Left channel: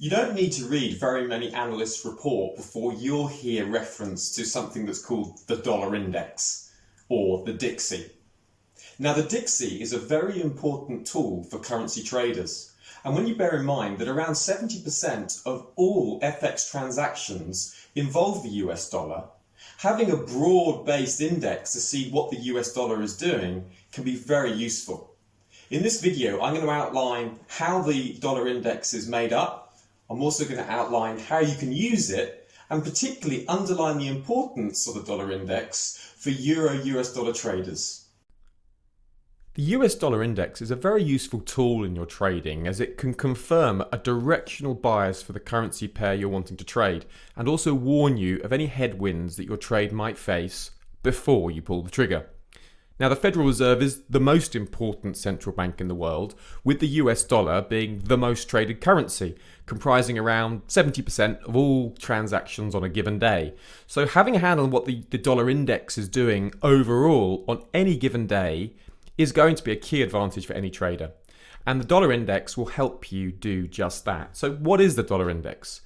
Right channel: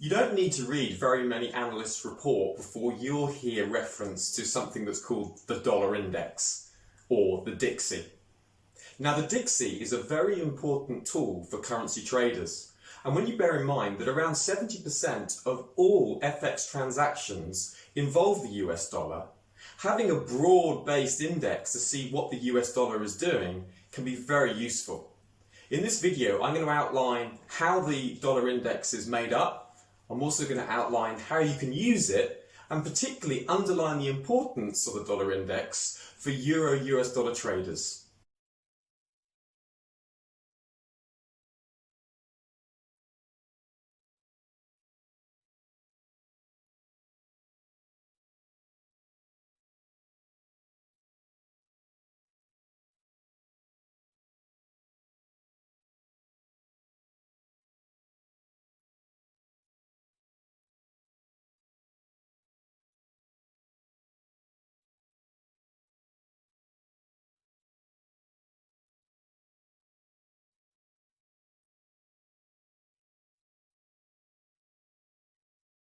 You don't need to read very many analysts' report before you'll hear reference to something that's called the dollar index, or the DXY. Now, the DXY is a very important tool for currency traders. And when you bear in mind that around 70% of all FX transactions involve the US dollar, having a broad-based index to see what the US dollar is doing can be very useful. In this video, I'm going to outline how the dollar index is made up. I'm also going to outline how you can use it and particularly underline the importance of the dollar index for Euro-US dollar traders. The US dollar index is a very useful tool in your trading as it can confirm a directional bias for the currency pair you're wanting to trade and also warn you of any headwinds that your trade might face before you pull the trigger. Now, the Federal Reserve is the most important central bank in the world, with the US dollar being the most traded currency, comprising around 70% of all transactions on a given day. So having a handle on what the dollar index is doing overall on any given day is going to be a key advantage for any trader. And the dollar index will help you do just that. So what is the dollar index?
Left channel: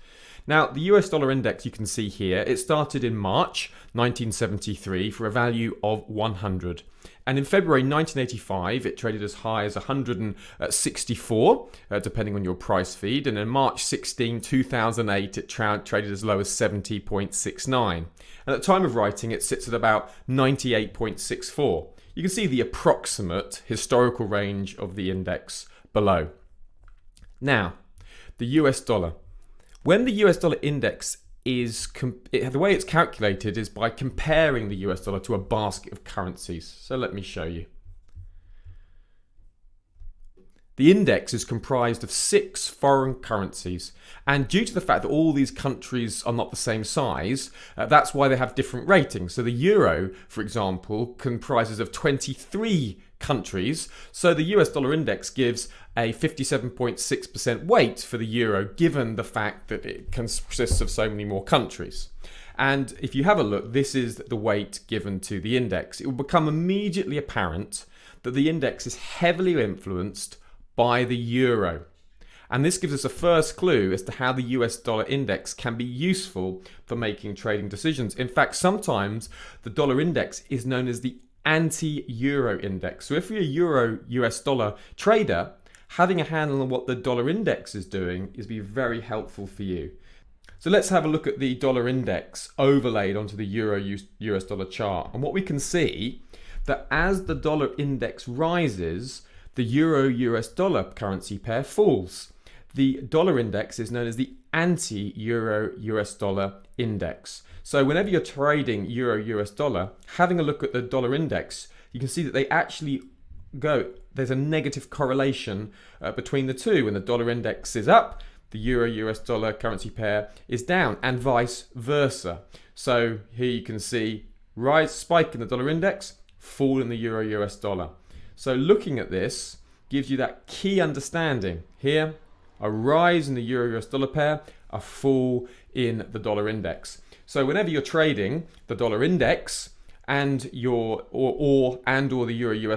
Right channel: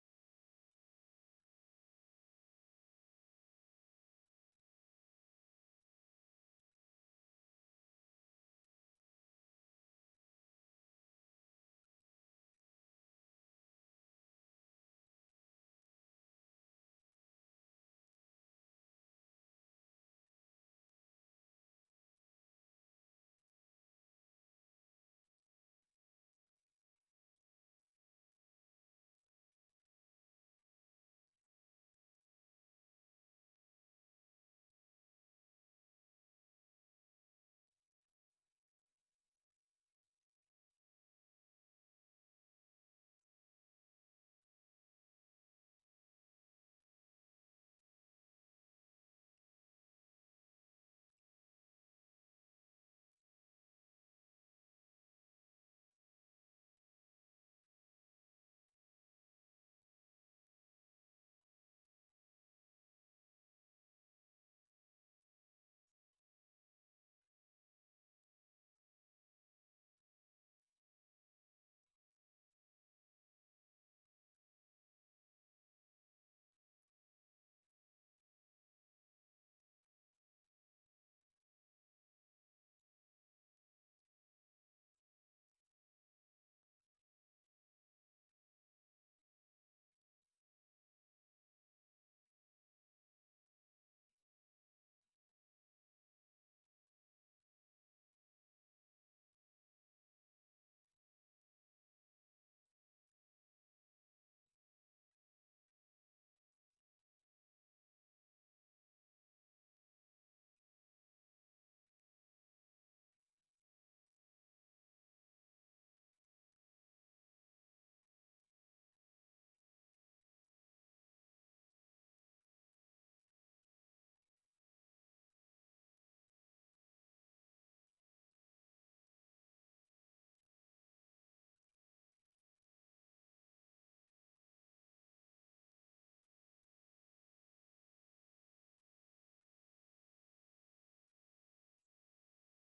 Now, the US dollar index you can see here, it started in March 1973 for a value of 100. And in February 1985, it traded as high as 164, depending on your price feed. And in March 16, 2008, it traded as low as 70.69. And at the time of writing, it sits at about 98.64. You can see the approximate historical range of the index below. Now, the US dollar. When the US dollar index is, the way it's calculated is by comparing the US dollar to a basket of currencies. So let me show you. The index is comprised of 6 foreign currencies, and due to the fact that all these countries are not the same size, that's why they have different ratings. So the euro, for example, comprises of 23 countries, so the US dollar index gives a 57.6% weight for the euro, given the fact that it consists of so many more countries. And if you have a look, this is the weight given to the index. It will become immediately apparent that the index is heavily influenced by the euro. And this gives us a first clue as to how the US dollar index can be useful for making trading decisions. In fact, sometimes the dollar index is known as the anti-euro index. So if you're a euro-US dollar trader, having a handle on what the dollar index is doing is be very helpful for you. So let's have a look at the dollar index overlaid onto the euro-US dollar chart. And what we can see that as the dollar index rises, the euro-US dollar currency pair falls. The dollar index is known as the anti-euro-US dollar index. So whenever you're trading euro-US dollar, having a look at the dollar index, you can see that they actually there's a negative correlation between the two. When the dollar index is up, the euro-US dollar currency pair is down, and vice versa. So here you can see spike in the dollar index, fall in the euro-US dollar. So looking at this gives you that key understanding. Here, a rise in the euro-US dollar pair, a fall in the dollar index. So whenever you're trading the dollar index and the euro-US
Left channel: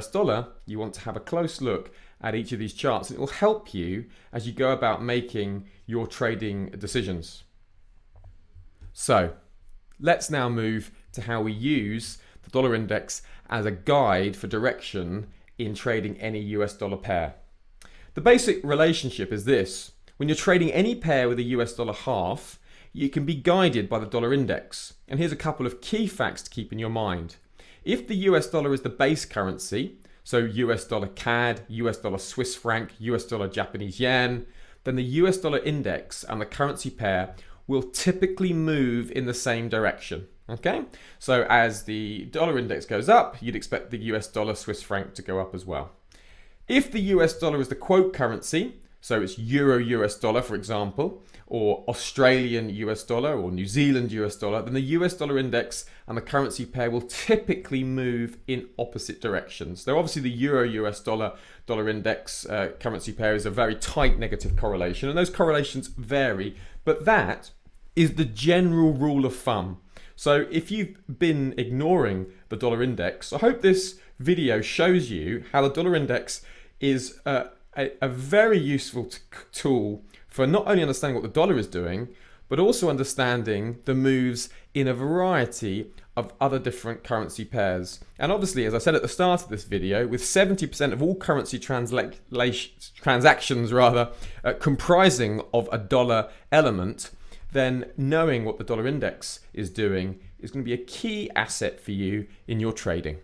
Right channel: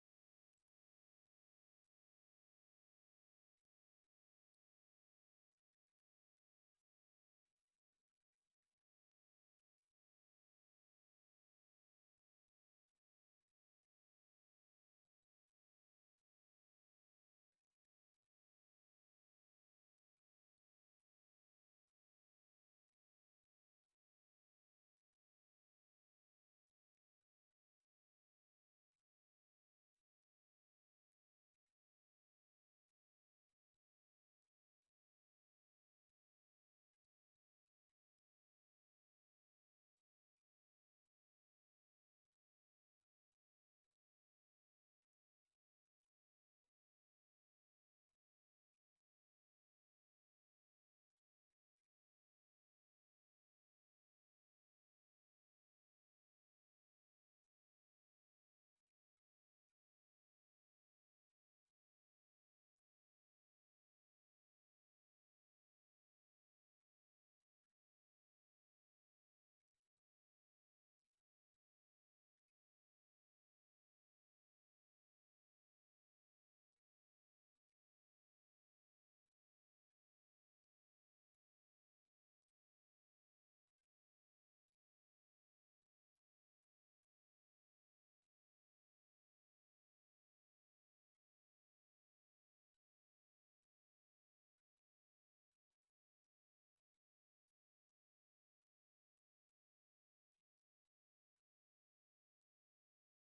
dollar, you want to have a close look at each of these charts, and it will help you as you go about making your trading decisions. So let's now move to how we use the dollar index as a guide for direction in trading any US dollar pair. The basic relationship is this. When you're trading any pair with a US dollar half, you can be guided by the dollar index. And here's a couple of key facts to keep in your mind. If the US dollar is the base currency, so US dollar CAD, US dollar Swiss franc, US dollar Japanese yen, then the US dollar index and the currency pair will typically move in the same direction. Okay, so as the dollar index goes up, you'd expect the US dollar Swiss franc to go up as well. If the US dollar is the quote currency, so it's euro-US dollar, for example, or Australian US dollar or New Zealand US dollar, then the US dollar index and the currency pair will typically move in opposite directions. Now, obviously, the euro-US dollar index currency pair is a very tight negative correlation, and those correlations vary, but that is the general rule of thumb. So if you've been ignoring the dollar index, I hope this video shows you how the dollar index is a very useful tool for not only understanding what the dollar is doing, but also understanding the moves in a variety of other different currency pairs. And obviously, as I said at the start of this video, with 70% of all currency transactions comprising of a dollar element, then knowing what the dollar index is doing is going to be a key asset for you in your trading.